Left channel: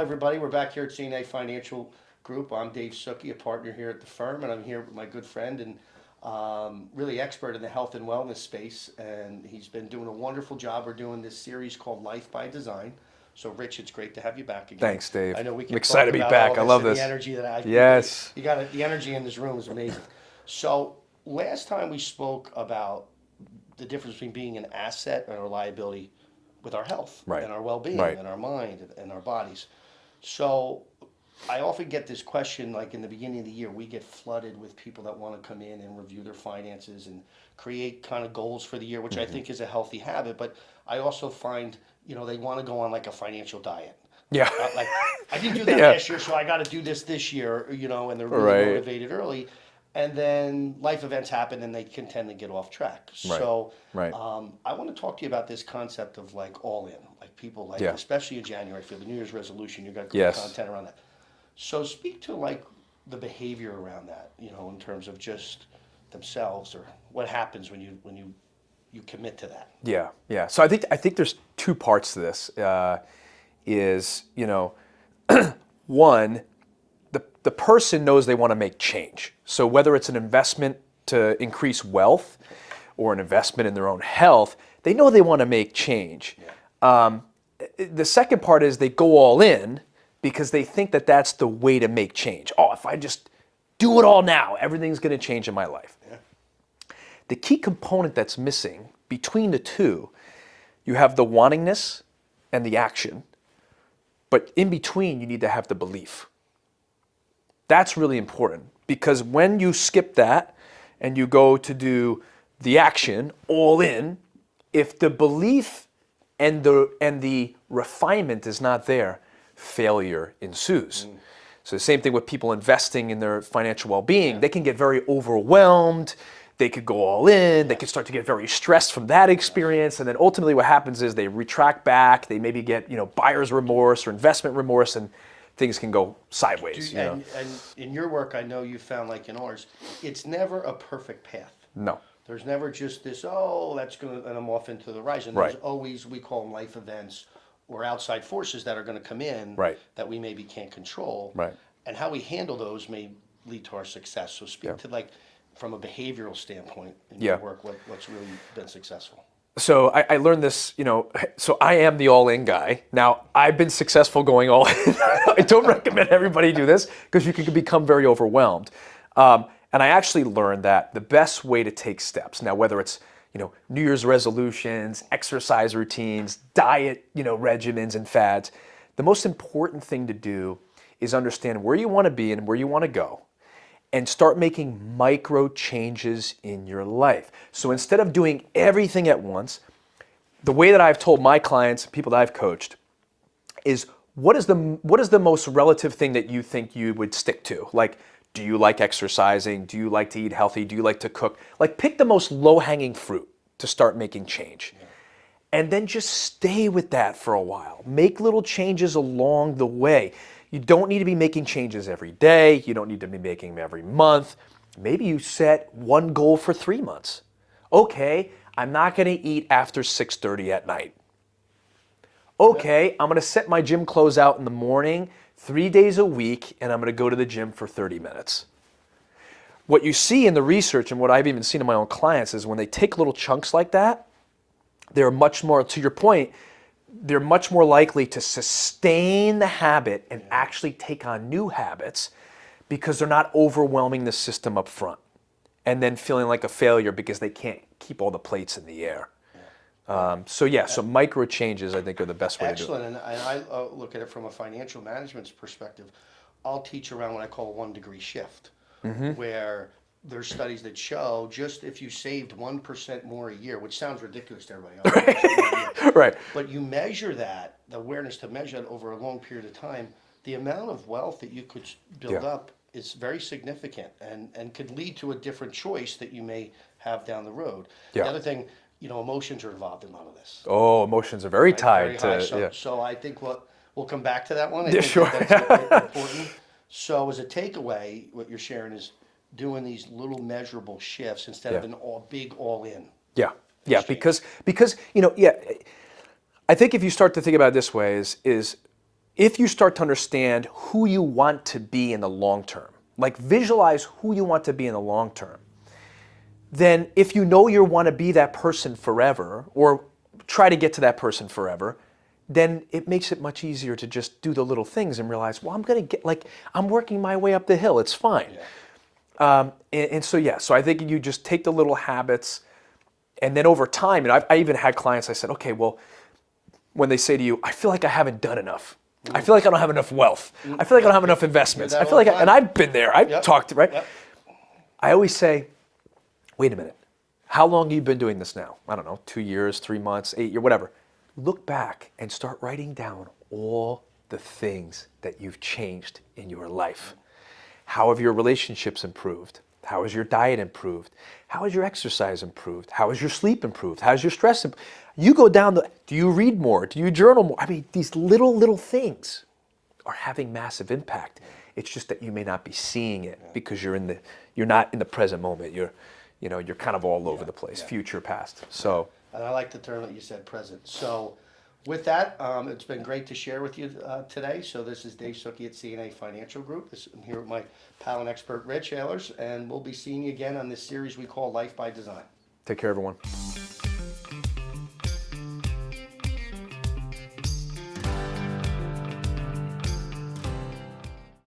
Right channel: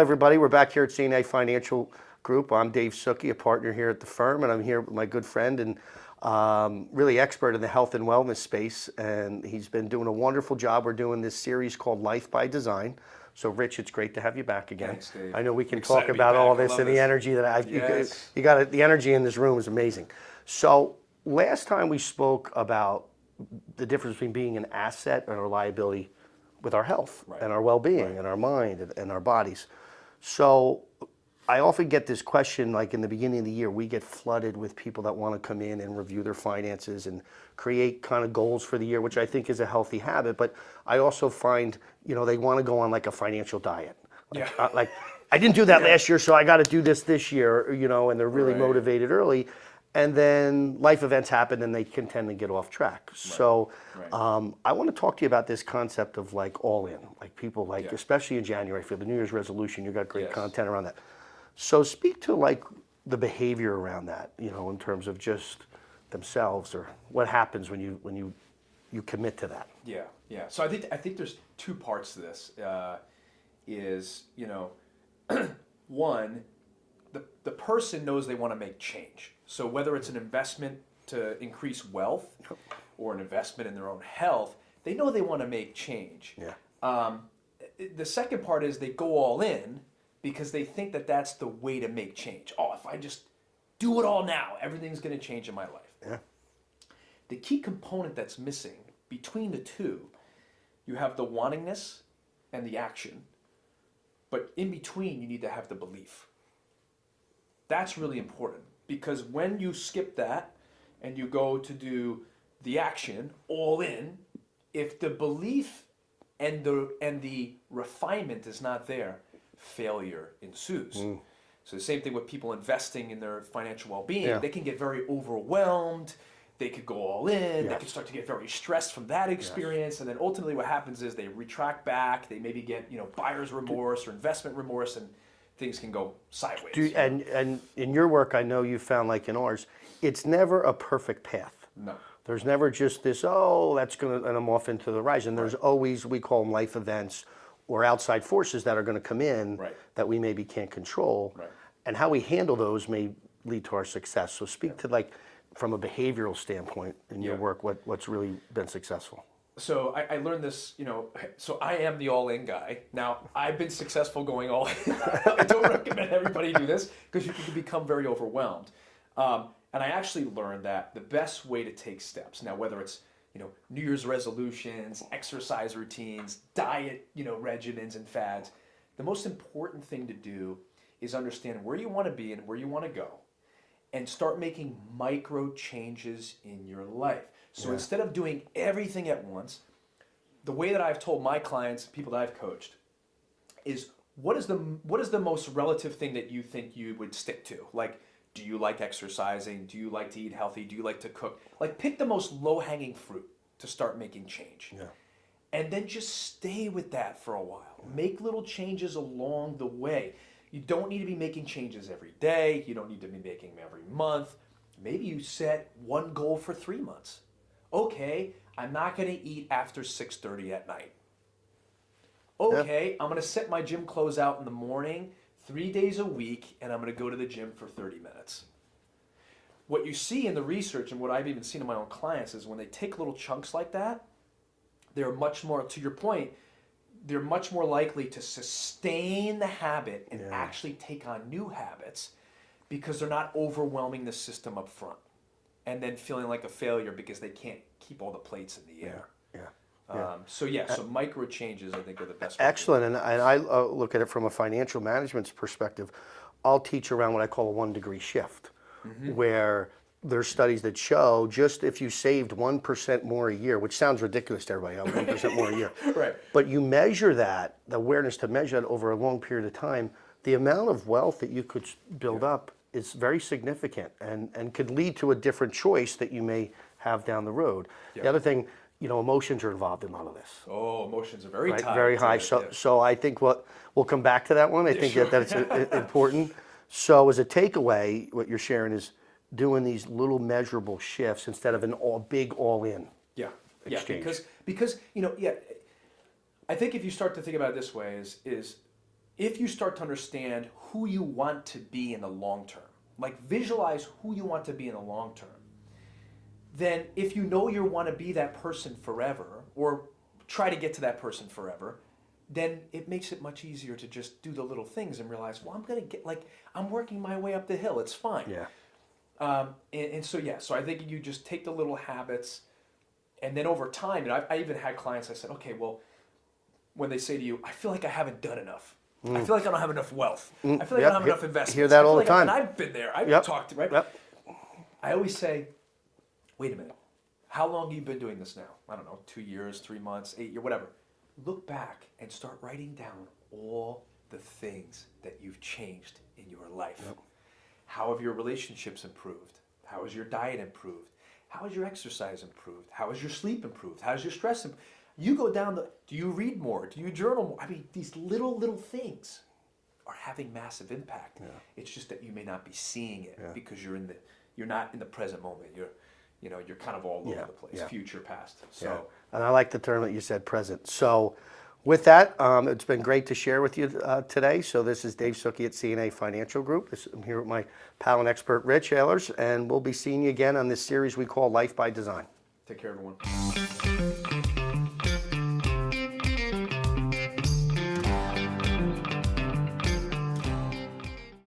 everybody. We're back here at CNA Financial Group. I'm Dave Suckey, a partner here at the firm, and I'm here with my good friend and really expert in the health and wellness space. And he's been doing a wonderful job. We're doing this series called Life by Design. So, Rich, it's great to have you back again. Thanks, Dave. I know we can I'm excited talk to be about back. all this I love and this. the energy that I. Yes. You got it. The energy in this room is amazing. So, last time we spoke about the difference between being an asset and a liability with our health and our well-being and our mind and our bodies. So I often get this question, like in the beginning of the year, we get flooded with people that want to come in and review their finances and create kind of goals for the year, which I think is a healthy habit. But I also find, they want to go on like a financial diet. Yeah. Like, I didn't do that last year, so I got to do this year, and they're really motivated early. And then life events happen and they can tend to get off track. So I want to talk to you about this concept of like all in, like people like, especially in January for the New Year's resolution, you got great content around that. So speak to like the behavior around that, in terms of just themselves or what happens when you commit to that. Yeah. So I think there's two parts to this. One, the person knows they want to make change. So whether it's an investment to increase wealth or an investment in their own health, they know they want to make change. The second part is they go all in because they think that that's the way to make change. Oh, if I just do it all now, everything's going to change in my life. The key component that's missing between the two, you have the wantingness and the action, but in between you need to have the belief. That's really important because when you skip that and you go to do the action all in, if the belief and the refinement is not there, failure ensues. So the same thing with people investing in their financial well-being. They can get very overwhelmed. They could go all in. They could start to get very stressed from that experience. And then ultimately what happens is they retract back. They maybe get buyer's remorse or investment remorse, and things can go sideways. And in your work, I know you found, like in ours, it's never a perfect path. No. There's never just this, that's going to, and I'm off into the horizon. There's always, we call them life events or outside forces that are going to come in that we maybe can't control. And how we handle those may lead to our success. So speak to, like, from a behavioral standpoint in your work, what's really been successful. So I learned this, so I am the all-in guy. Now, I've been successful going all in. I don't recommend everybody do this because you can become very overwhelmed. And I actually learned that the best way to take steps, now whether it's, New Year's resolutions, exercise routines, diet, regimens and fads, the most important thing to do is understand where you want to be and where you want to go, and start making micro changes in your life. So instead of doing everything at once, the way that I've told my clients, people that I've coached, is what is the most relative thing that you think you would stick to? Like, do you like exercising? Do you like to eat healthy? Do you like to cook? Like, pick the most low-hanging fruit to start making change. And then just stay with that for a while. Make little changes along the way. You don't need to be making changes every day. You don't need to be making them every month. Maybe you set one goal for 3 months. Okay, I'm not going to eat after 6:30 at night. Okay, I'm going to set my gym clothes out in the morning 3 days a week, and I'm going to go to the gym for 30 minutes. What you see in the research and what I've even seen in my own clients is when they take little chunks like that, they're much more, to your point, they're much more likely to sustain the habit and actually take on new habits because they're not overwhelming the system up front and then feeling like a failure because they can't keep all the plates in the air. So micro changes I think are the best way to do it. Excellent, and I look at it from a financial management perspective. I'll teach around what I call a 1 degree shift, where there's studies that show just if you saved 1% more a year, which sounds ridiculous to everybody else, 1% more a year. But you measure that, the awareness to measure that over a long period of time, the amount of wealth that you could build up is very significant and could lead to a different choice that you may have down the road. The other thing, emotions are involved in all of this. Oh, emotions are very tied. Very high. So I think we'll come back to that one. I think that's important. So as a takeaway, what you're sharing is doing these little measurable shifts instead of a big all-in. Because I think if you start to think about it this way is if you start to understand who you want to be in the long term, like visualize who you want to be in the long term, then if you know you want to be that person forever or try to get to that person forever, then it makes it much easier to just do the little things and realize, well, I'm going to get, like, I'm working my way up the hill. It's fine. And so, yeah, so I think you just take the little habits, and then over time, and I even had clients, I said, okay, well, when they say to you, I feel like I haven't done enough. I feel like I don't have enough wealth. I feel like I don't have enough investments. I feel like, and I've been there. I've talked, right? I always say, wait a minute. How long have you been doing this now? I don't know, 2 years, 3 months, 8 years, whatever. Look back and start writing down all the things that you've changed in your life. How have your relationships improved? How has your diet improved? How has your exercise improved? How has your sleep improved? How has your stress improved? You go down do you read more? Do you journal more? I mean, these little things are having massive impact. It's just that you may not be seeing it because you're not in the present moment. You're kind of all over the place, future, past. So, and I like the term that you said, present. So, with that, it's been great to share with you today. So, this is Dave Suckey at CNA Financial Group. I'm here with my pal and expert, Rich Ahlers, and we'll be seeing you again on this series we call Life by Design. take care, everyone.